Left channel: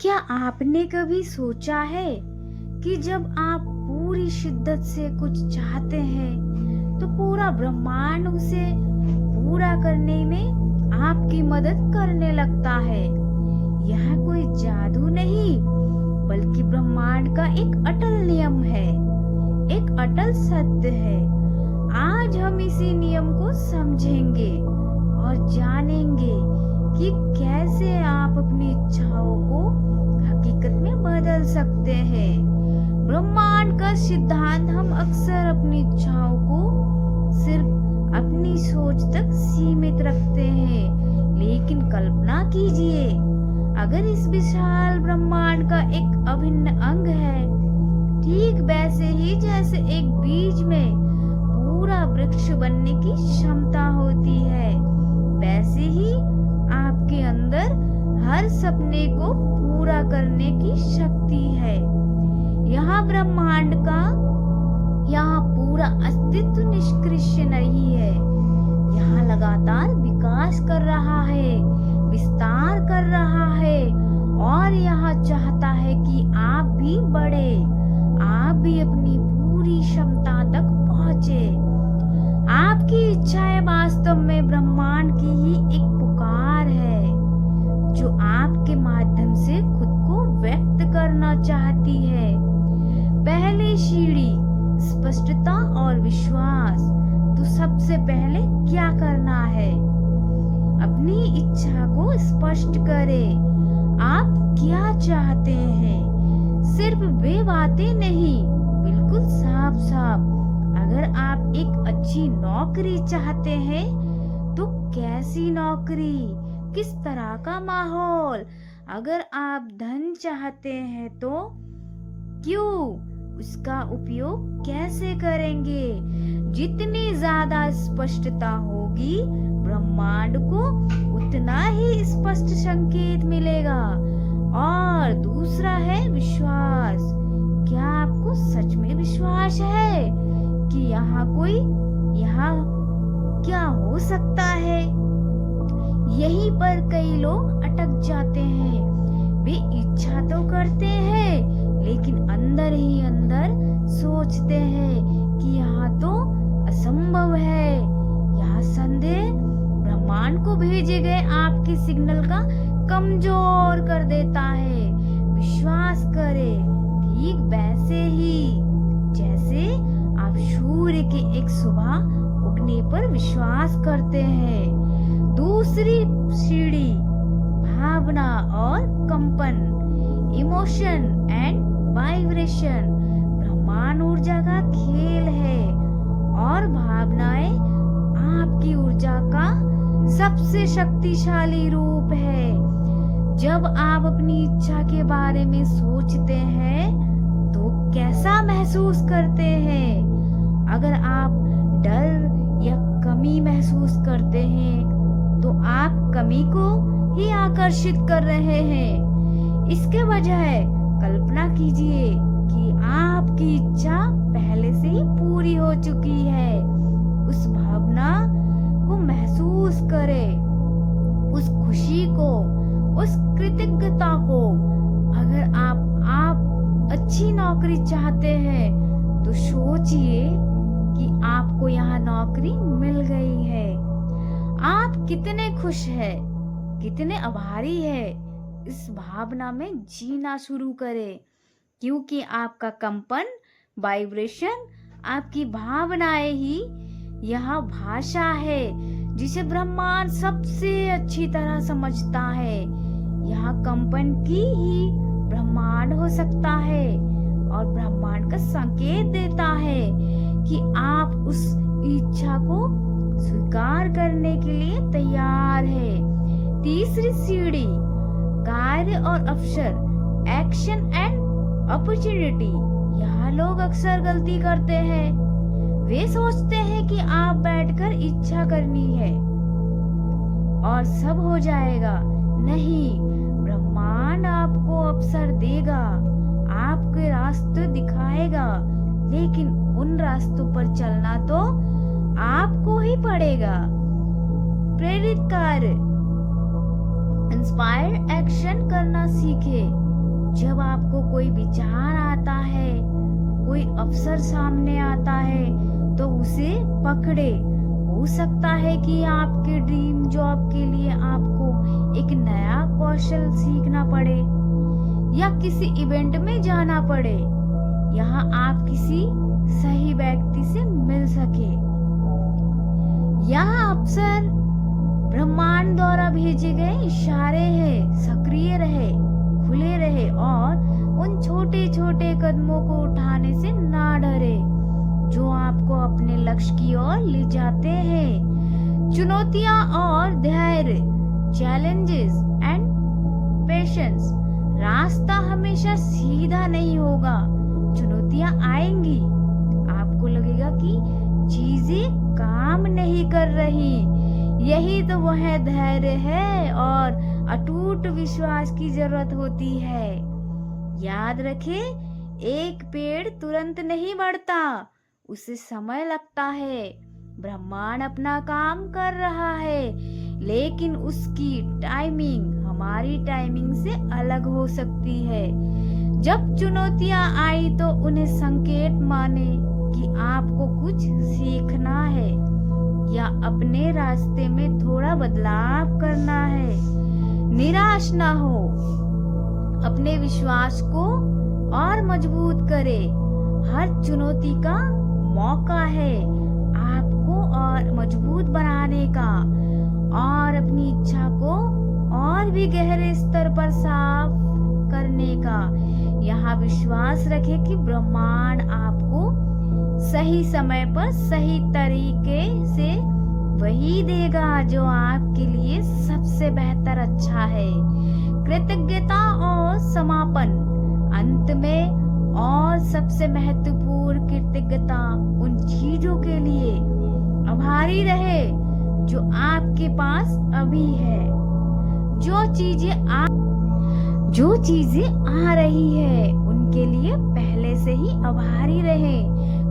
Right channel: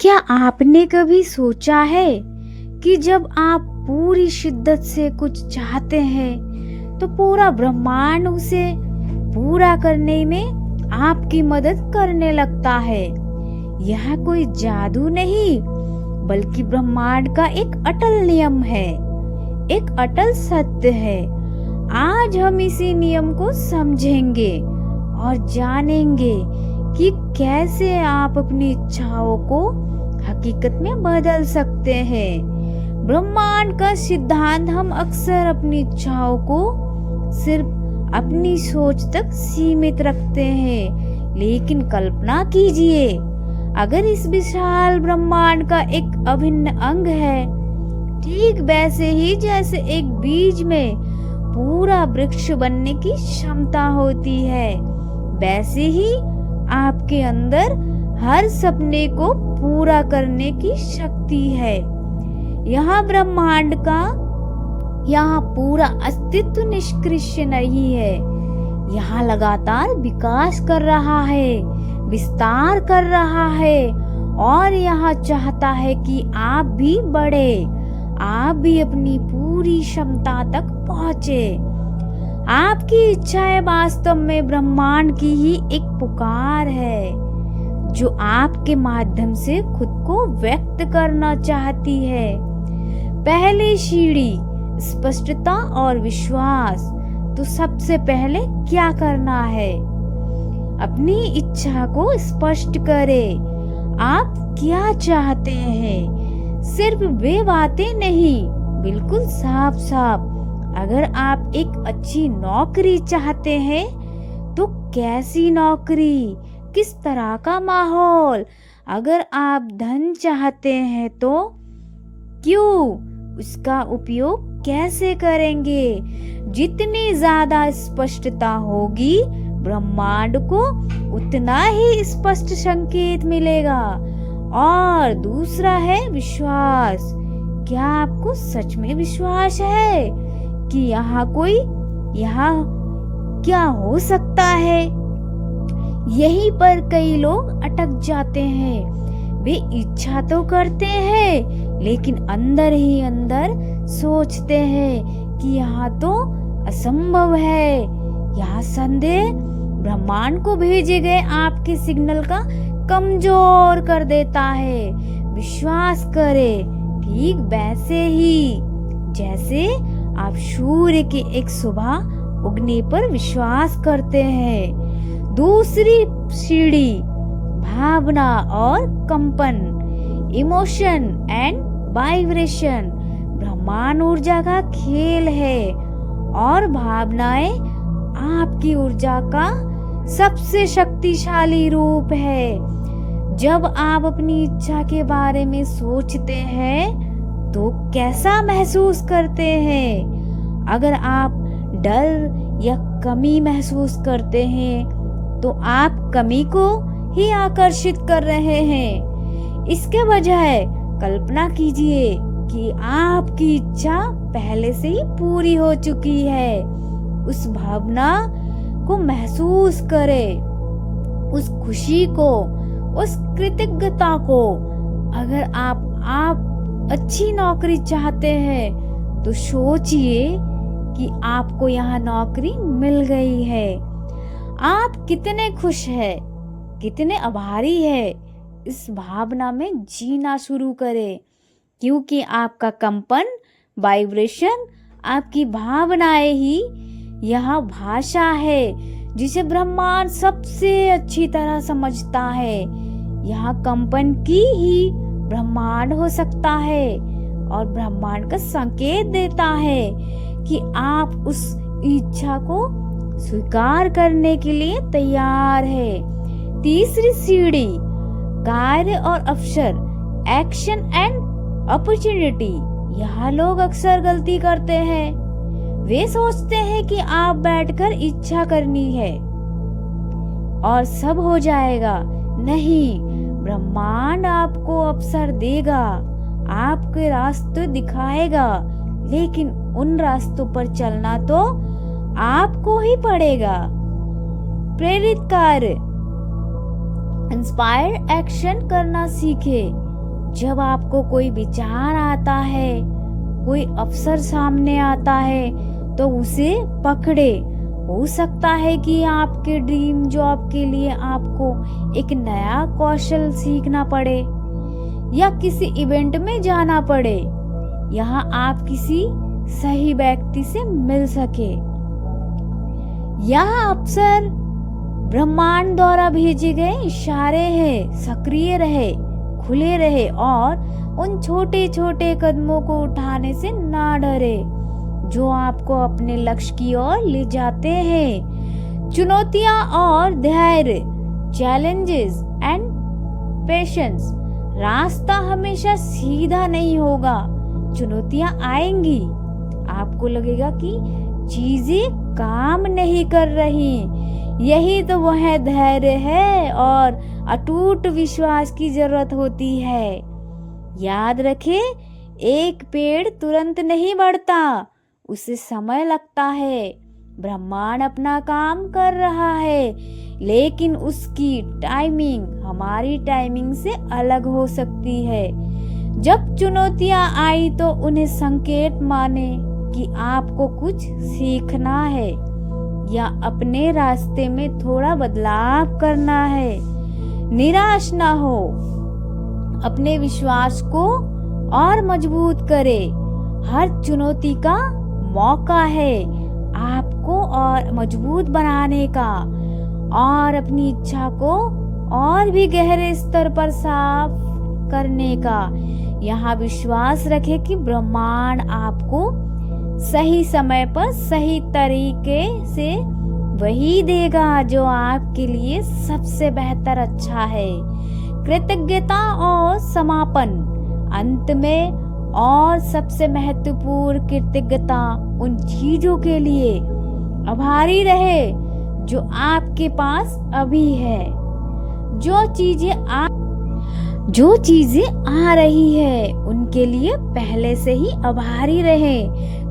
क्या आपने कभी सोचा है कि जब आप पूरी शिद्दत से कुछ चाहते हैं तो पूरा ब्रह्मांड उसे पूरा करने में आपकी मदद करने लगता है। यह कोई जादू नहीं बल्कि ब्रह्मांड का एक अटल नियम है, एक अटल सत्य है। आज हम इसी नियम को समझेंगे और जानेंगे कि कैसे आप अपनी इच्छाओं को हकीकत में बदल सकते हैं। ब्रह्मांड का सिद्धांत हम अक्सर अपनी इच्छाओं को सिर्फ अपनी सोच तक सीमित रखते हैं, लेकिन कल्पना कीजिए अगर इस विशाल ब्रह्मांड का एक अभिन्न अंग है, ठीक वैसे ही जैसे एक बीज में पूरा वृक्ष बनने की क्षमता होती है, वैसे ही आपके अंदर हर सपने को पूरा करने की शक्ति है। यहाँ ब्रह्मांड का यहाँ पूरा अस्तित्व निष्क्रिय नहीं है, यहाँ लगातार विकास कर रहा है, विस्तार कर रहा है और यहाँ चाहता है कि आप भी बढ़े, आप भी अपनी पूरी क्षमता तक पहुँचे। आपकी इच्छाएं वास्तव में ब्रह्मांड की ही एक पुकार है जो आपके माध्यम से खुद को व्यक्त करना चाहती है। पहली सीढ़ी स्पष्टता और विश्वास। तो सबसे पहले क्या करना है? अपनी इच्छा को स्पष्ट करें। आप क्या चाहते हैं? सिर्फ वे बातें नहीं, बिल्कुल साफ साफ। अगर आप एक अच्छी नौकरी चाहते हैं तो कैसी नौकरी, किस तरह का माहौल? अगर आप धन चाहते हैं तो क्यों, उसका उपयोग कैसे करेंगे? जितनी ज्यादा स्पष्टता होगी ब्रह्मांड को उतना ही स्पष्ट संकेत मिलेगा। और दूसरा है विश्वास। क्या आपको सच में विश्वास है कि यहाँ क्या हो सकता है? यहीं पर कई लोग अटक जाते हैं। वे इच्छा तो करते हैं लेकिन अंदर ही अंदर सोचते हैं कि यहाँ तो असंभव है। यहाँ संदेह ब्रह्मांड को भेजे गए आपके सिग्नल का कमजोर कर देता है। विश्वास करें, ठीक वैसे ही जैसे आप सूर्य की एक सुबह उगने पर विश्वास करते हैं। दूसरी सीढ़ी भावना और कंपन, इमोशन एंड वाइब्रेशन। ब्रह्मांड ऊर्जा का खेल है और भावनाएं आपकी ऊर्जा का सबसे शक्तिशाली रूप है। जब आप अपनी इच्छा के बारे में सोचते हैं तो कैसा महसूस करते हैं? अगर आप डर या कमी महसूस करते हैं तो आप कमी को ही आकर्षित कर रहे हैं। इसके बजाय कल्पना कीजिए कि आपकी इच्छा पहले से ही पूरी हो चुकी है। उस भावना को महसूस करें, उस खुशी को, उस कृतज्ञता को। अगर आप अच्छी नौकरी चाहते हैं तो सोचिए कि आपको यहाँ नौकरी मिल गई है। आप कितने खुश हैं, कितने आभारी हैं। इस भावना में जीना शुरू करें, क्योंकि आपका कंपन, वाइब्रेशन, आपकी भावनाएं ही यह भाषा है जिसे ब्रह्मांड सबसे अच्छी तरह समझता है। यह कंपन की ही ब्रह्मांड हो सकता है और ब्रह्मांड का संकेत देता है कि आप उस इच्छा को स्वीकार करने के लिए तैयार है। तीसरी सीढ़ी कार्य और अवसर, एक्शन एंड अपॉर्चुनिटी। यहाँ लोग अक्सर गलती करते हैं। वे सोचते हैं कि आप बैठकर इच्छा करनी है और सब हो जाएगा। नहीं, ब्रह्मांड आपको अवसर देगा, आपके रास्ते दिखाएगा, लेकिन उन रास्तों पर चलना तो आपको ही पड़ेगा। प्रेरित कार्य, इंस्पायर्ड एक्शन करना सीखे। जब आपको कोई विचार आता है, कोई अवसर सामने आता है, तो उसे पकड़े। हो सकता है कि आपके ड्रीम जॉब के लिए आपको एक नया कौशल सीखना पड़े या किसी इवेंट में जाना पड़े, यहाँ आप किसी सही व्यक्ति से मिल सके। यह अवसर ब्रह्मांड द्वारा भेजे गए इशारे हैं। सक्रिय रहे, खुले रहे और उन छोटे छोटे कदमों को उठाने से ना डरे जो आपको अपने लक्ष्य की ओर ले जाते हैं। चुनौतियां और धैर्य, चैलेंजेस एंड पेशेंस। रास्ता हमेशा सीधा नहीं होगा, चुनौतियां आएंगी, आपको लगेगा कि चीजें काम नहीं कर रही। यही तो वह धैर्य है और अटूट विश्वास की जरूरत होती है। याद रखें, एक पेड़ तुरंत नहीं बढ़ता, उसे समय लगता है। ब्रह्मांड अपना काम कर रहा है, लेकिन उसकी टाइमिंग हमारी टाइमिंग से अलग हो सकती है। जब चुनौतियां आई तो उन्हें संकेत माने कि आपको कुछ सीखना है या अपने रास्ते में थोड़ा बदलाव करना है। निराश ना हो, अपने विश्वास को और मजबूत करे। हर चुनौती का मौका है आपको और मजबूत बनाने का और अपनी इच्छा को और भी गहरे स्तर पर साफ करने का। यहाँ विश्वास रखें कि ब्रह्मांड आपको सही समय पर सही तरीके से वही देगा जो आपके लिए सबसे बेहतर अच्छा है। कृतज्ञता और समापन। अंत में और सबसे महत्वपूर्ण कृतज्ञता उन चीजों के लिए आभारी रहे जो आपके पास अभी है। जो चीजें आ रही है उनके लिए पहले से ही आभारी रहे।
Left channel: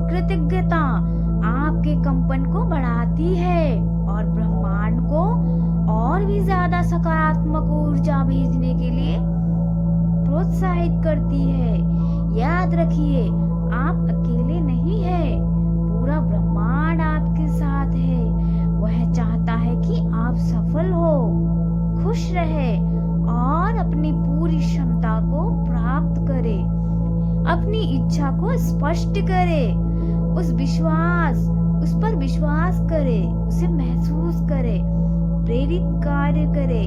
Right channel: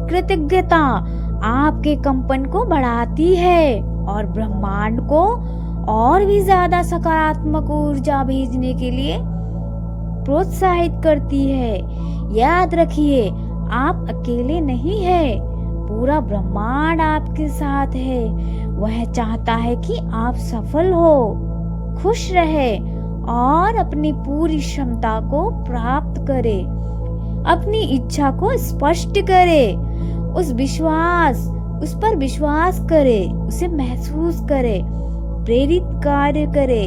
कृतज्ञता आपके कंपन को बढ़ाती है और ब्रह्मांड को और भी ज्यादा सकारात्मक ऊर्जा भेजने के लिए प्रोत्साहित करती है। याद रखिए, आप अकेले नहीं हैं, पूरा ब्रह्मांड आपके साथ है। वह चाहता है कि आप सफल हो, खुश रहे और अपनी पूरी क्षमता को प्राप्त करे। अपनी इच्छा को स्पष्ट करे, उस पर विश्वास करे, उसे महसूस करे, प्रेरित कार्य करे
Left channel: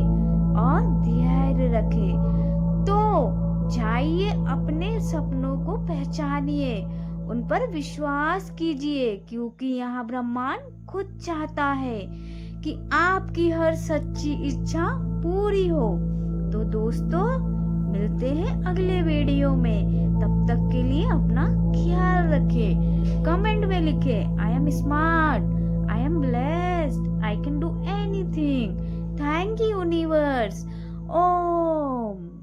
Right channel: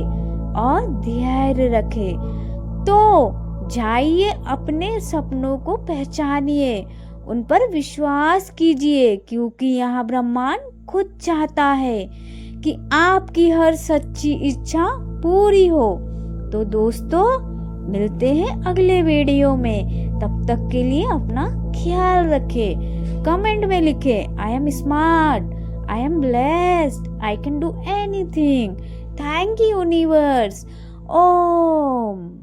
और धैर्य रखे। तो जाइए, अपने सपनों को पहचानिए, उन पर विश्वास कीजिए, क्योंकि यहाँ ब्रह्मांड खुद चाहता है कि आपकी हर सच्ची इच्छा पूरी हो। तो दोस्तों, मिलते हैं अगले वीडियो में। तब तक के लिए अपना ख्याल रखें। कमेंट में लिखें, I am smart, I am blessed, I can do anything. Thank you universe. Om.